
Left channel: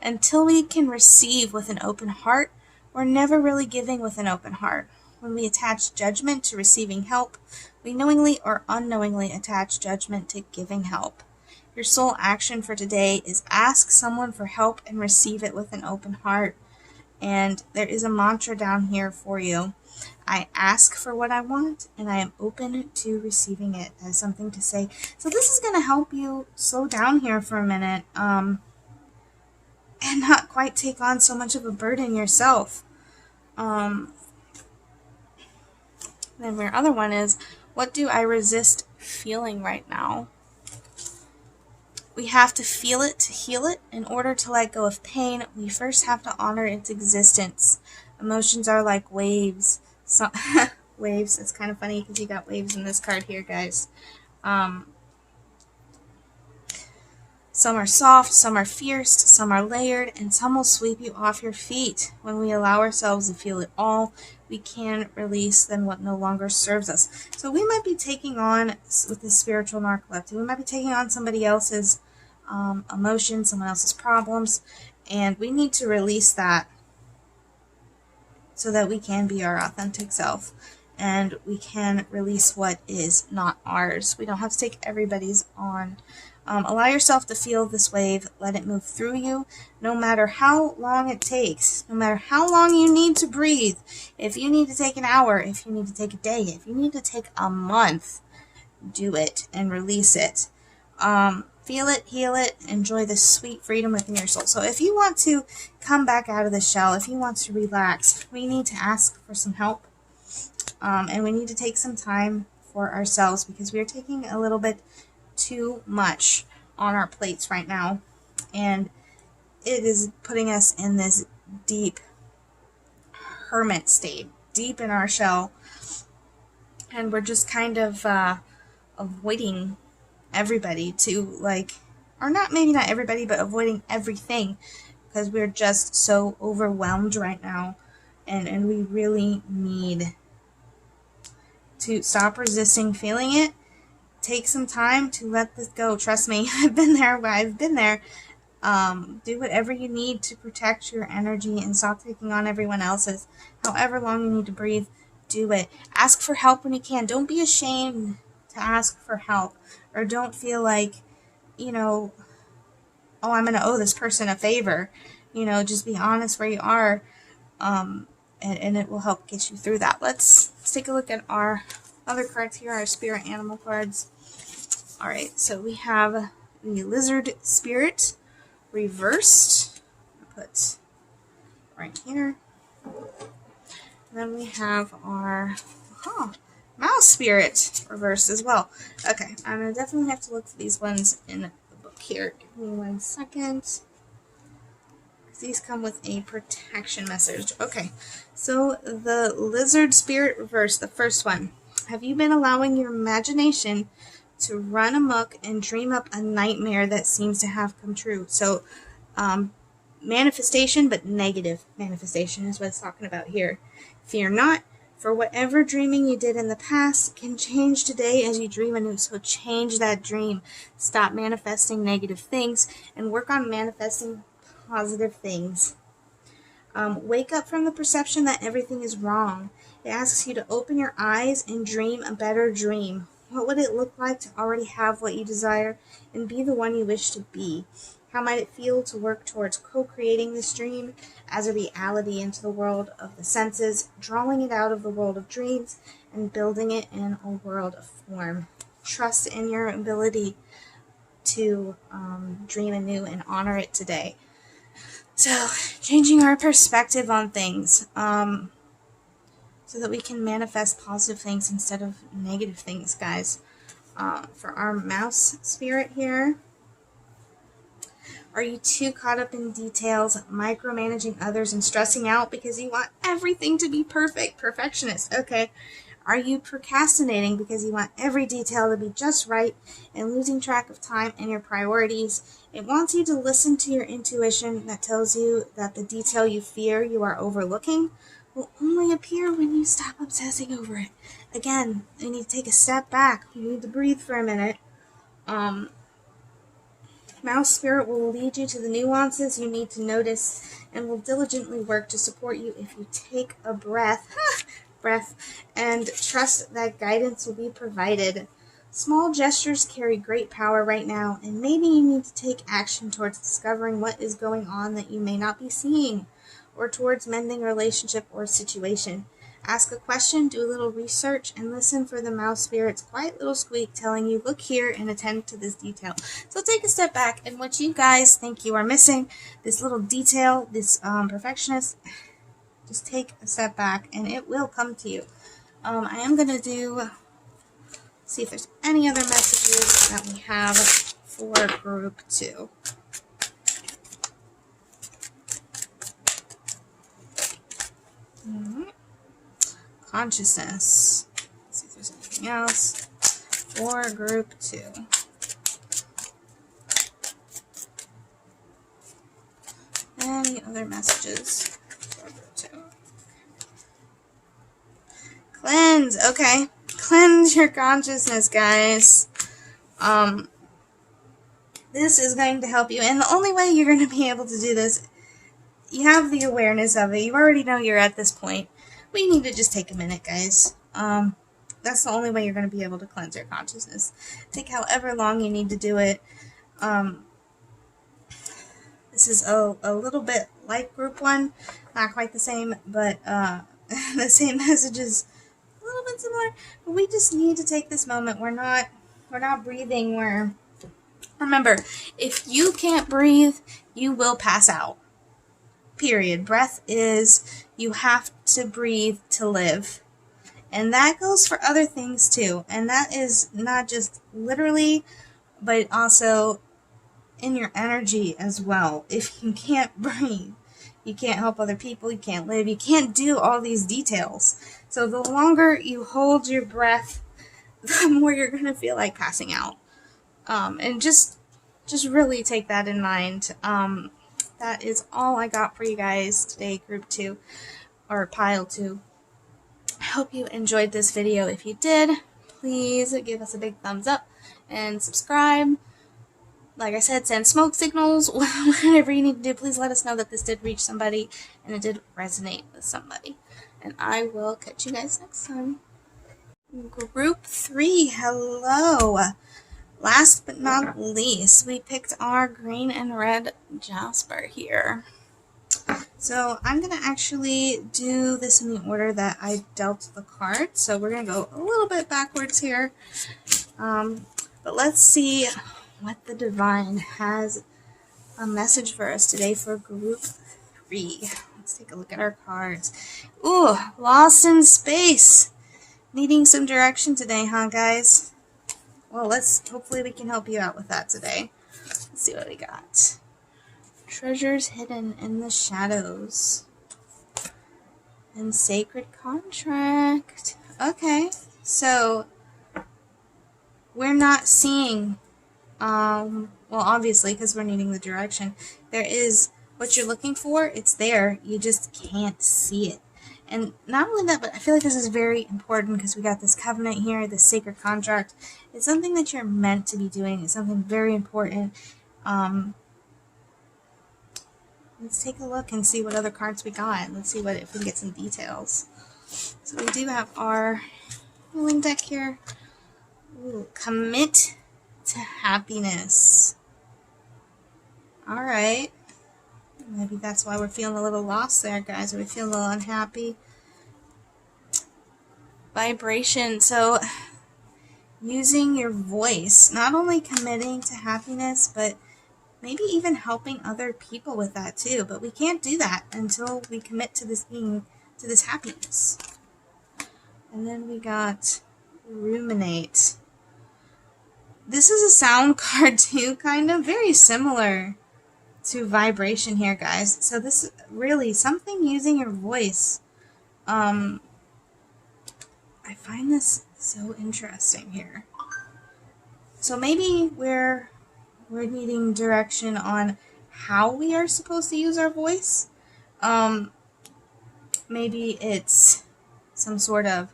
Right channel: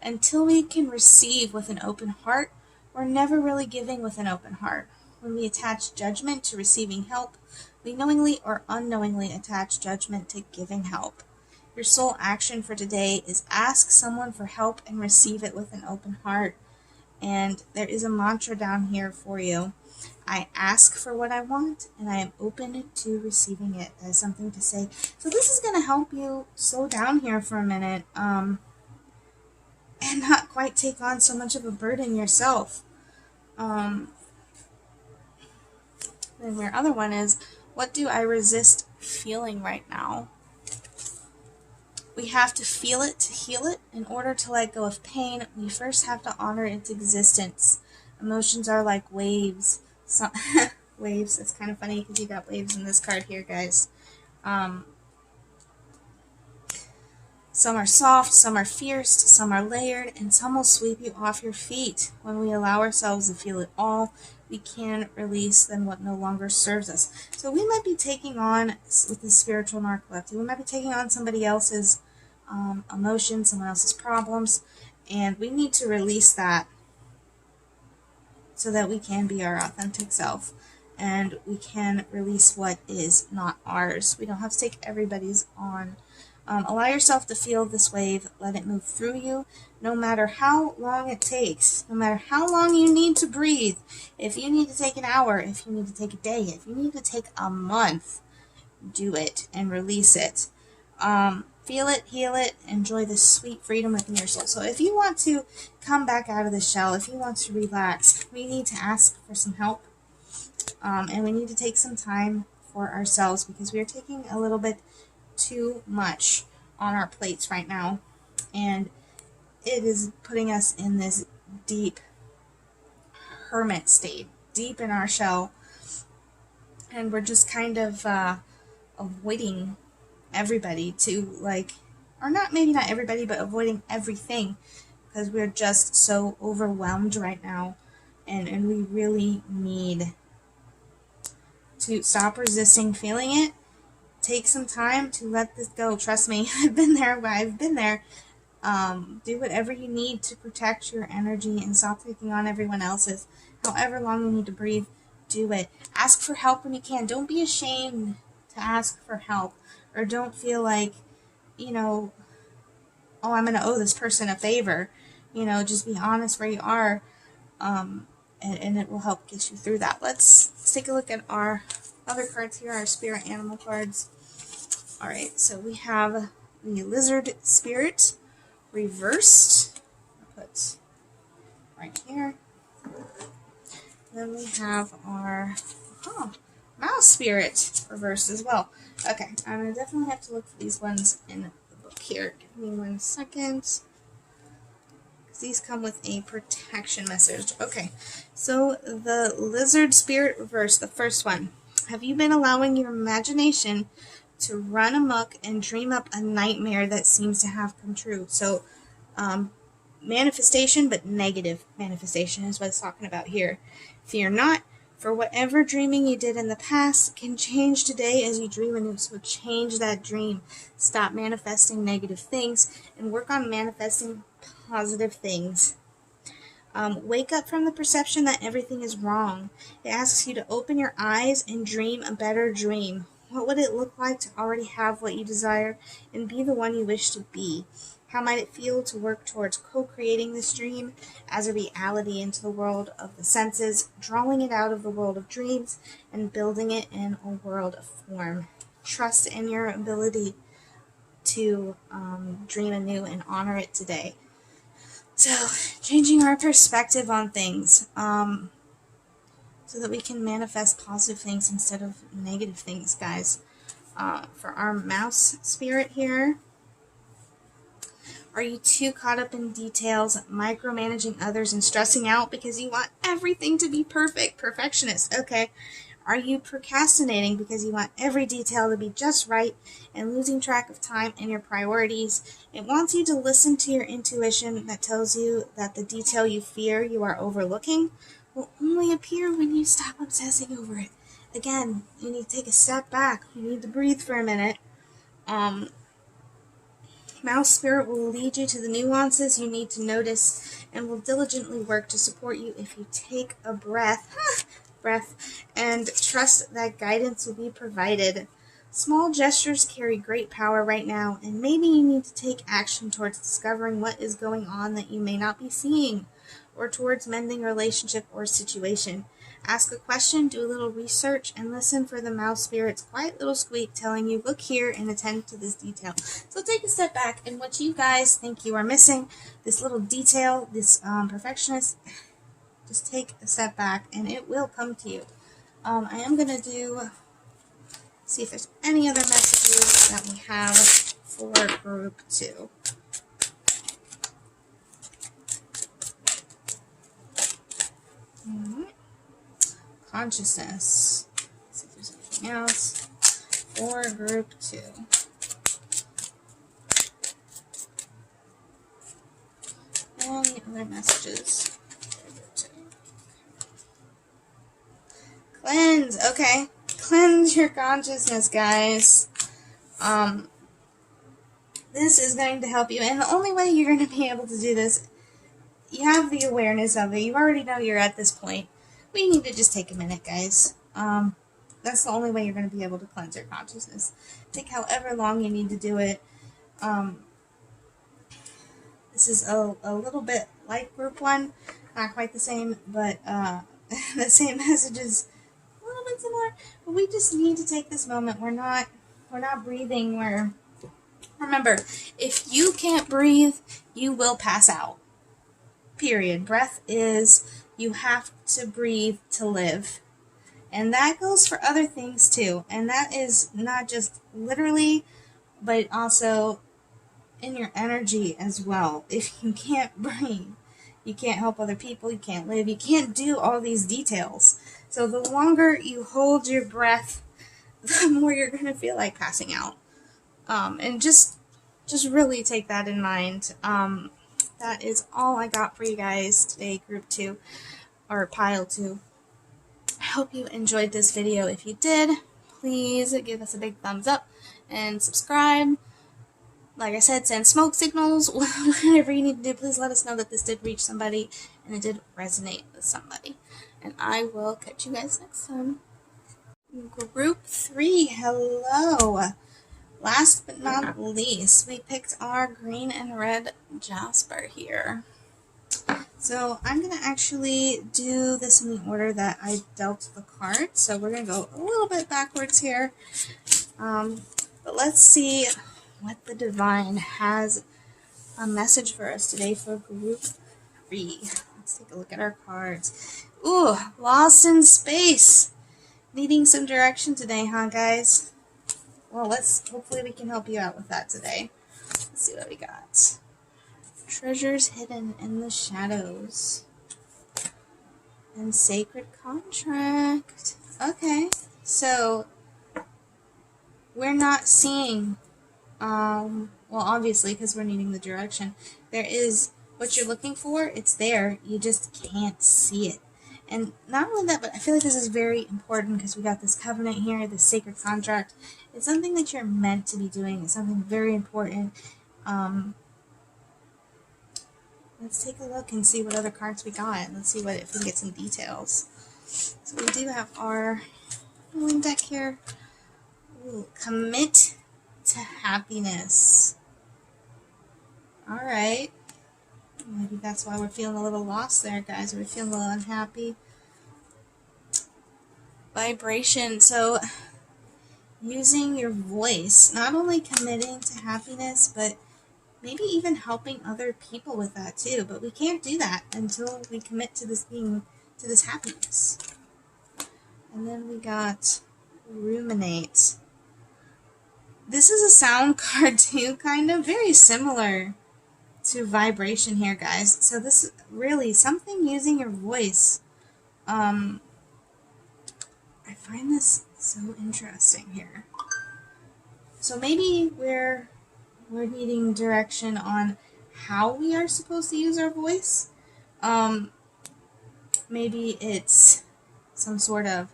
Until we can receive with an open heart, we're never really giving with an open heart. When we attach judgment to receiving help, we knowingly or unknowingly attach judgment to giving help. Your soul action for today is ask someone for help and receive it with an open heart. And there is a mantra down here for you. I ask for what I want, and I am open to receiving it, as something to say. So this is going to help you slow down here for a minute, and not quite take on so much of a burden yourself. Then your other one is, what do I resist feeling right now? We have to feel it to heal it. In order to let go of pain, we first have to honor its existence. Emotions are like waves. So, waves, it's kind of funny because you got waves in this card here, guys. Some are soft, some are fierce, some are layered, and some will sweep you off your feet. When we allow ourselves to feel it all, we can release then what no longer serves us. So we might be taking on, with the spiritual narcoleptic, we might be taking on somebody else's emotions, someone else's problems, and we need to release that so that we can be our authentic self, and we can release what is not ours. We don't have to take everybody's on. Allow yourself to feel this wave. Let it move through you, no matter how long it takes, no matter how long you need to breathe. If you need to take an hour, if you need to take a day, if you need to take a month, do it and release it. Feel it, heal it, enjoy the sweet freedom within your soul. So if you want to come back out of the shell, if you want to relax, we need to ask for some help. And we need to take some time for ourselves, because we are taking a little bit too much on our plates right now, and it is putting us in this deep hermit state, deep in our shell, and we're just kind of avoiding everybody to, like, or not, maybe not everybody, but avoiding everything, because we're just so overwhelmed right now, and we really need to stop resisting feeling it. Take some time to let this go. Trust me, I've been there. Do whatever you need to protect your energy and stop taking on everyone else's. However long you need to breathe, do it. Ask for help when you can. Don't be ashamed to ask for help, or don't feel like, you know, oh, I'm going to owe this person a favor. You know, just be honest where you are, and it will help get you through that. Let's take a look at our other cards here, our spirit animal cards. All right, so we have the lizard spirit reversed. I'll put right here. And then we have our mouse spirit reversed as well. Okay, I'm going to definitely have to look for these ones in the book here. Give me 1 second. These come with a protection message. Okay, so the lizard spirit reversed, the first one. Have you been allowing your imagination to run amok and dream up a nightmare that seems to have come true? So, manifestation, but negative manifestation is what it's talking about here. Fear not, for whatever dreaming you did in the past can change today as you dream anew. So change that dream. Stop manifesting negative things and work on manifesting positive things. Wake up from the perception that everything is wrong. It asks you to open your eyes and dream a better dream. What would it look like to already have what you desire and be the one you wish to be? How might it feel to work towards co-creating this dream as a reality into the world of the senses, drawing it out of the world of dreams, and building it in a world of form? Trust in your ability to dream anew and honor it today. So, changing our perspective on things so that we can manifest positive things instead of negative things, guys. For our mouse spirit here, are you too caught up in details, micromanaging others, and stressing out because you want everything to be perfect? Perfectionist. Okay. Are you procrastinating because you want every detail to be just right and losing track of time and your priorities? It wants you to listen to your intuition that tells you that the detail you fear you are overlooking will only appear when you stop obsessing over it. Again, you need to take a step back. You need to breathe for a minute. Mouse spirit will lead you to the nuances you need to notice and will diligently work to support you if you take a breath and trust that guidance will be provided. Small gestures carry great power right now, and maybe you need to take action towards discovering what is going on that you may not be seeing, or towards mending a relationship or situation. Ask a question, do a little research, and listen for the mouse spirit's quiet little squeak telling you, look here and attend to this detail. So take a step back, and what you guys think you are missing, this little detail, this perfectionist, just take a step back and it will come to you. I am going to see if there's any other messages that we have for group 2. Consciousness. Let's see if there's anything else for group 2. Any other messages for group 2? Cleanse. Okay. Cleanse your consciousness, guys. This is going to help you. And the only way you're going to be able to do this, you have the awareness of it. You already know you're at this point. We need to just take a minute, guys. That's the only way you're going to be able to cleanse your consciousness. Take however long you need to do it. This is a little bit like group 1. Not quite the same, but the same messages. A little bit similar, but we just need to take this moment. We're not breathing. Remember, if you can't breathe, you will pass out. Period. Breath is, you have to breathe to live. And that goes for other things too. And that is not just literally, but also in your energy as well. If you can't breathe, you can't help other people, you can't live, you can't do all these details. So the longer you hold your breath, the more you're going to feel like passing out. And just really take that in mind. That is all I got for you guys today, group 2, or pile 2. hope you enjoyed this video. If you did, please give us a big thumbs up and subscribe. Like I said, send smoke signals, whatever you need to do. Please let us know that this did reach somebody and it did resonate with somebody. And I will catch you guys next time. Group 3, hello. Last but not least, we picked our green and red Jasper here. So I'm going to actually do this in the order that I dealt the card. So we're going to go a little bit backwards here. But let's see what the Divine has a message for us today for group 3. Let's take a look at our cards. Ooh, Lost in Space. Needing some direction today, huh, guys? Well, hopefully we can help you out with that today. Let's see what we got. Treasures hidden in the shadows. And sacred contract. Okay, so we're not seeing, well, obviously, because we're needing the direction. There is what you're looking for. It's there. You just can't see it. And not only that, but I feel like this is very important because we got this covenant here, this sacred contract. It's something that you're meant to be doing. It's something very important. Let's take a look and see what other cards we got. Let's see if we can get some details. So we do have our ruling deck here. Ooh, commit to happiness. Alright. Maybe that's why we're feeling a little lost there, guys. We're feeling a little unhappy. Vibration. So, using your voice. Not only committing to happiness, but maybe even helping other people with that too. But we can't do that until we commit to this happiness. And then we got ruminate. This is a sound card too, kind of. Very similar to vibration here, guys. So this is really something using your voice. I find this so interesting here. So maybe we're needing direction on how we are supposed to use our voice. Maybe it's some sort of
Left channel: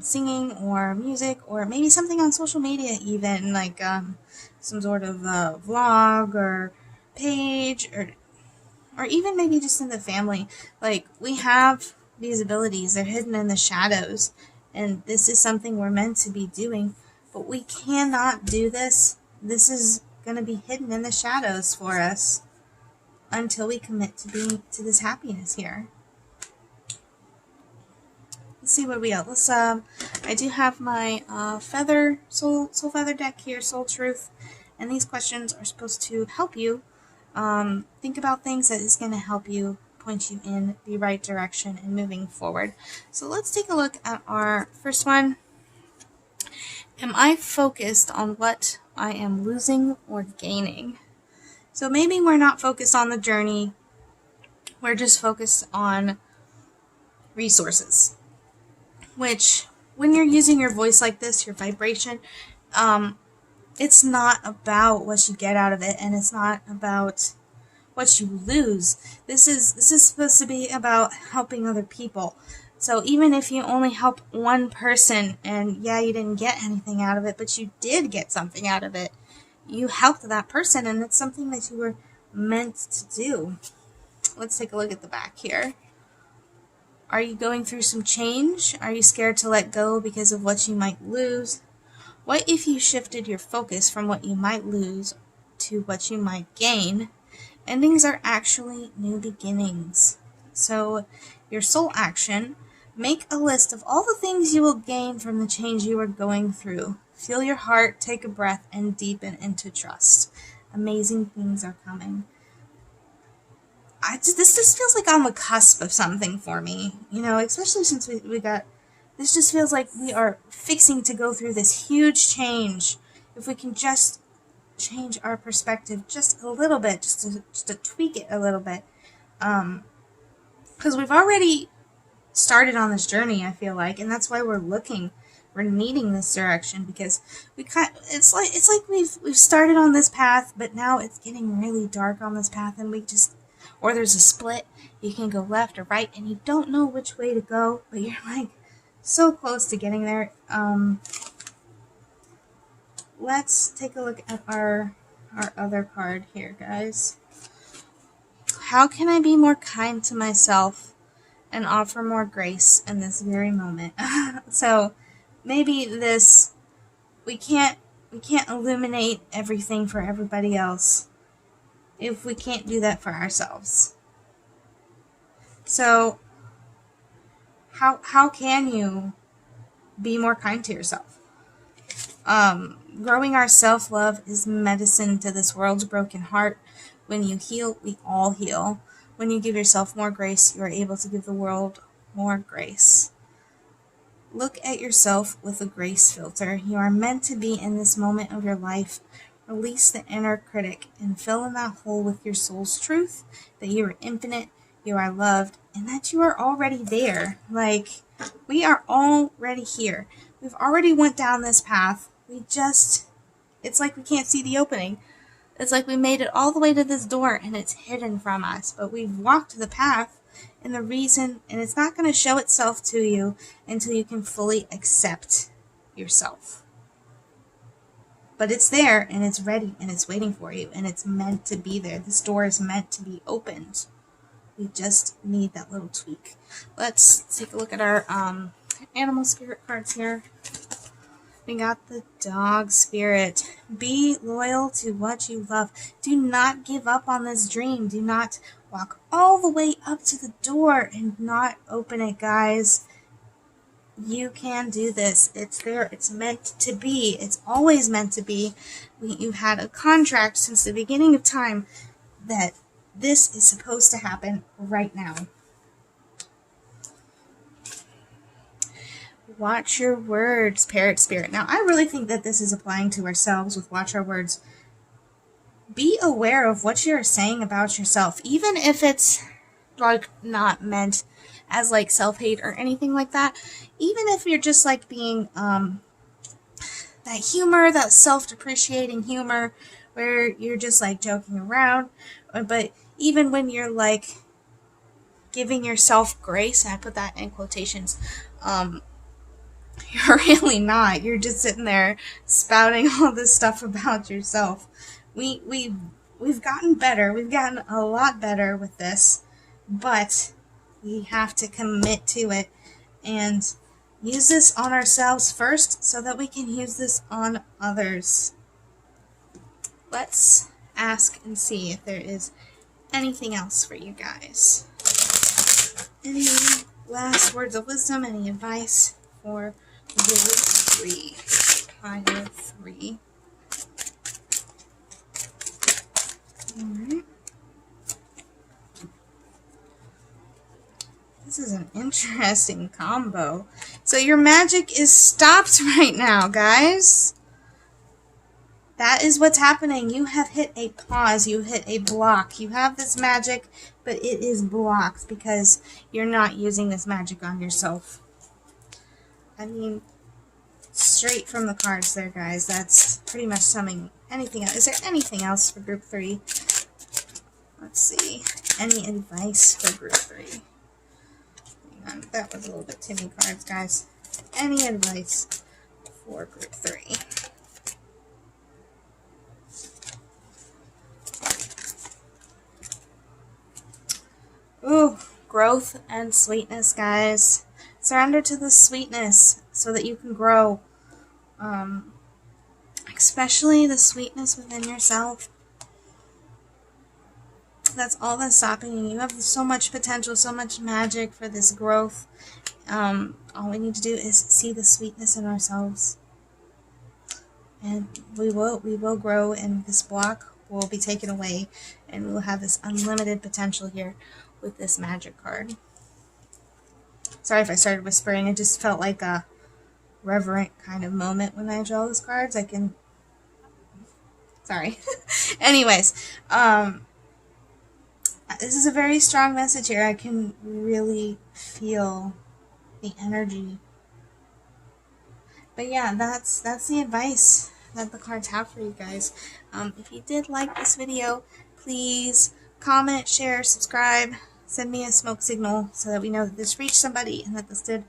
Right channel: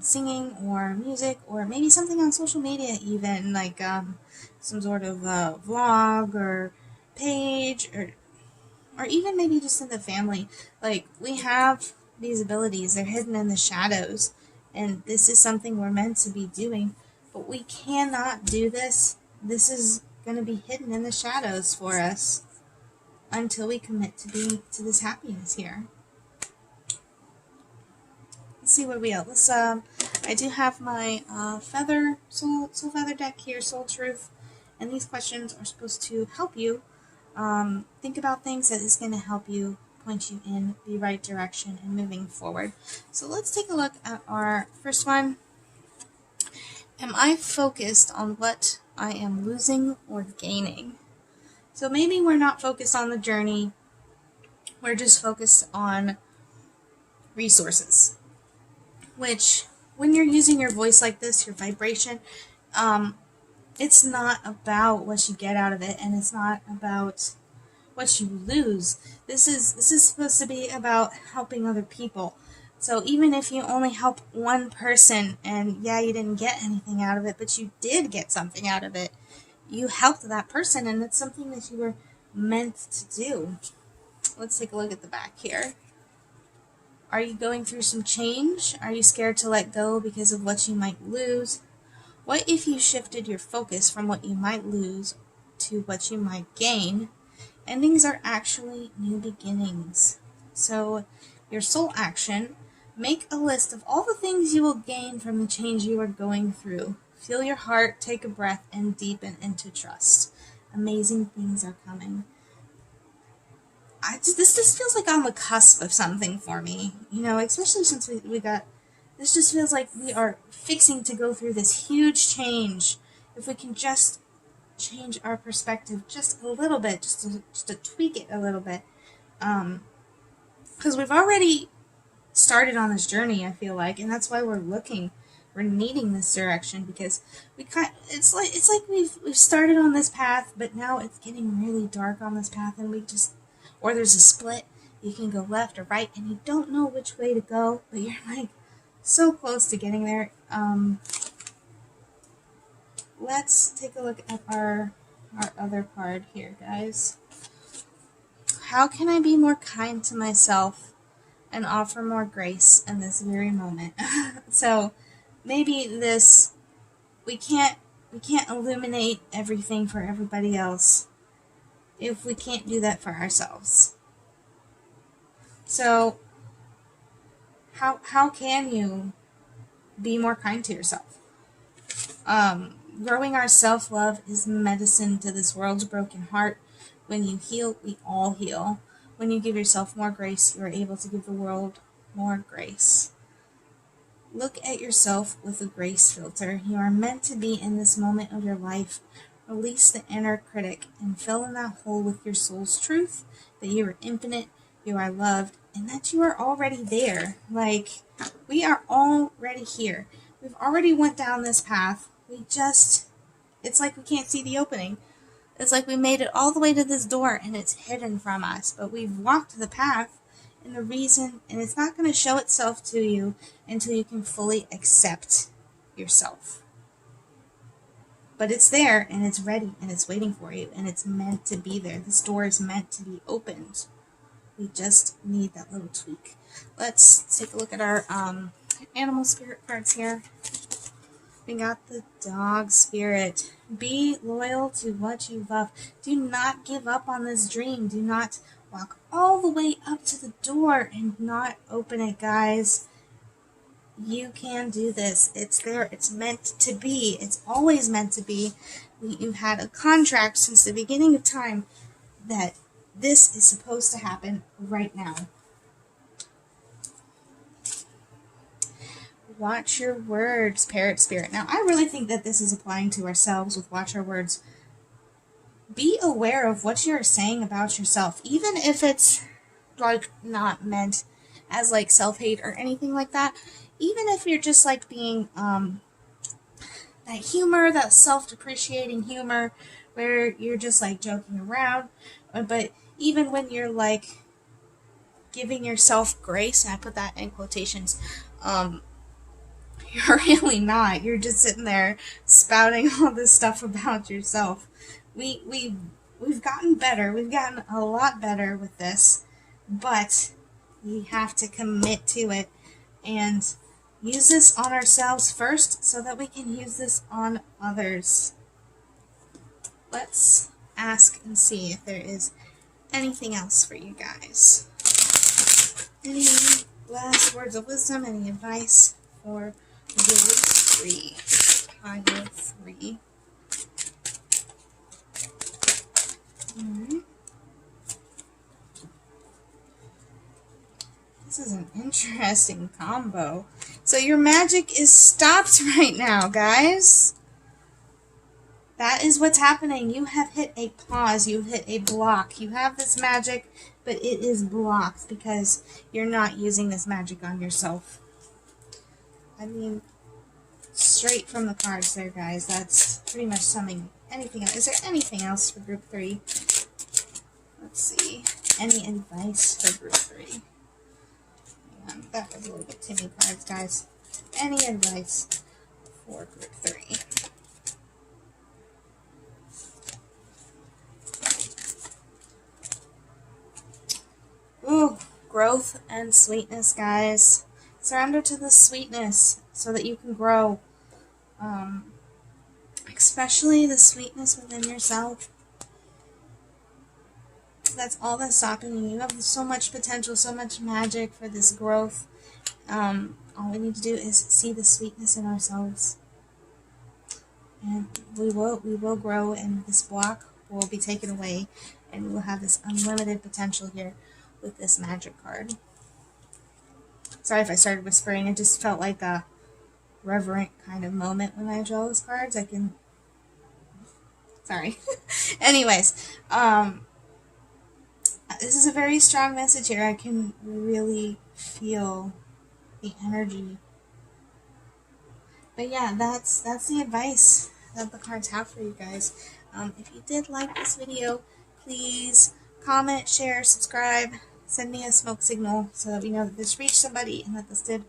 singing or music, or maybe something on social media even, like some sort of vlog or page, or even maybe just in the family. Like, we have these abilities, they're hidden in the shadows, and this is something we're meant to be doing, but we cannot do this. This is going to be hidden in the shadows for us until we commit to this happiness here. Let's see what we got. I do have my soul feather deck here, Soul Truth, and these questions are supposed to help you think about things that is going to help you, point you in the right direction and moving forward. So let's take a look at our first one. Am I focused on what I am losing or gaining? So maybe we're not focused on the journey. We're just focused on resources. Which, when you're using your voice like this, your vibration, it's not about what you get out of it, and it's not about what you lose. This is supposed to be about helping other people. So even if you only help one person, and yeah, you didn't get anything out of it, but you did get something out of it, you helped that person, and it's something that you were meant to do. Let's take a look at the back here. Are you going through some change? Are you scared to let go because of what you might lose? What if you shifted your focus from what you might lose to what you might gain? Endings are actually new beginnings. So, your soul action, make a list of all the things you will gain from the change you are going through. Feel your heart, take a breath, and deepen into trust. Amazing things are coming. This just feels like on the cusp of something for me, you know, especially since we got, this just feels like we are fixing to go through this huge change. If we can just change our perspective just a little bit, just to tweak it a little bit, because we've already started on this journey, I feel like, and that's why we're needing this direction, because it's like we've started on this path, but now it's getting really dark on this path, and or there's a split, you can go left or right, and you don't know which way to go, but you're like, so close to getting there. Let's take a look at our other card here, guys. How can I be more kind to myself and offer more grace in this very moment? So maybe this, we can't illuminate everything for everybody else if we can't do that for ourselves. So how can you be more kind to yourself? Growing our self-love is medicine to this world's broken heart. When you heal, we all heal. When you give yourself more grace, you are able to give the world more grace. Look at yourself with a grace filter. You are meant to be in this moment of your life. Release the inner critic and fill in that hole with your soul's truth, that you are infinite, you are loved, and that you are already there. Like, we are already here. We've already went down this path. It's like we can't see the opening. It's like we made it all the way to this door and it's hidden from us. But we've walked the path, and it's not going to show itself to you until you can fully accept yourself. But it's there, and it's ready, and it's waiting for you, and it's meant to be there. This door is meant to be opened. We just need that little tweak. Let's take a look at our animal spirit cards here. We got the dog spirit. Be loyal to what you love. Do not give up on this dream. Do not walk all the way up to the door and not open it, guys. You can do this. It's there. It's meant to be. It's always meant to be. You've had a contract since the beginning of time that this is supposed to happen right now. Watch your words, parrot spirit. Now, I really think that this is applying to ourselves with watch our words. Be aware of what you're saying about yourself, even if it's like not meant as like self-hate or anything like that. Even if you're just like being that humor, that self-depreciating humor where you're just like joking around, but even when you're like giving yourself grace, and I put that in quotations, you're really not. You're just sitting there spouting all this stuff about yourself. We've gotten better. We've gotten a lot better with this, but we have to commit to it and use this on ourselves first so that we can use this on others. Let's ask and see if there is anything else for you guys. Any last words of wisdom, any advice for Pile 3? Pile 3. Alright. This is an interesting combo. So your magic is stopped right now, guys. That is what's happening. You have hit a pause. You hit a block. You have this magic, but it is blocked because you're not using this magic on yourself. I mean, straight from the cards there, guys. That's pretty much summing anything else. Is there anything else for group 3? Let's see. Any advice for group 3? Hang on. That was a little bit too many cards, guys. Any advice for group 3? Ooh, growth and sweetness, guys. Surrender to the sweetness so that you can grow. Especially the sweetness within yourself. That's all that's stopping you. You have so much potential, so much magic for this growth. All we need to do is see the sweetness in ourselves. And we will grow, and this block will be taken away, and we will have this unlimited potential here with this magic card. Sorry if I started whispering. It just felt like a reverent kind of moment when I draw those cards. Sorry. Anyways, this is a very strong message here. I can really feel the energy. But yeah, that's the advice that the cards have for you guys. If you did like this video, please comment, share, subscribe, send me a smoke signal so that we know that this reached somebody and that this did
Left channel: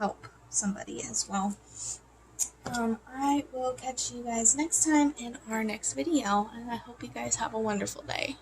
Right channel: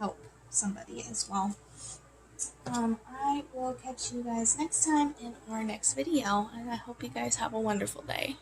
help. somebody as well. I will catch you guys next time in our next video, and I hope you guys have a wonderful day.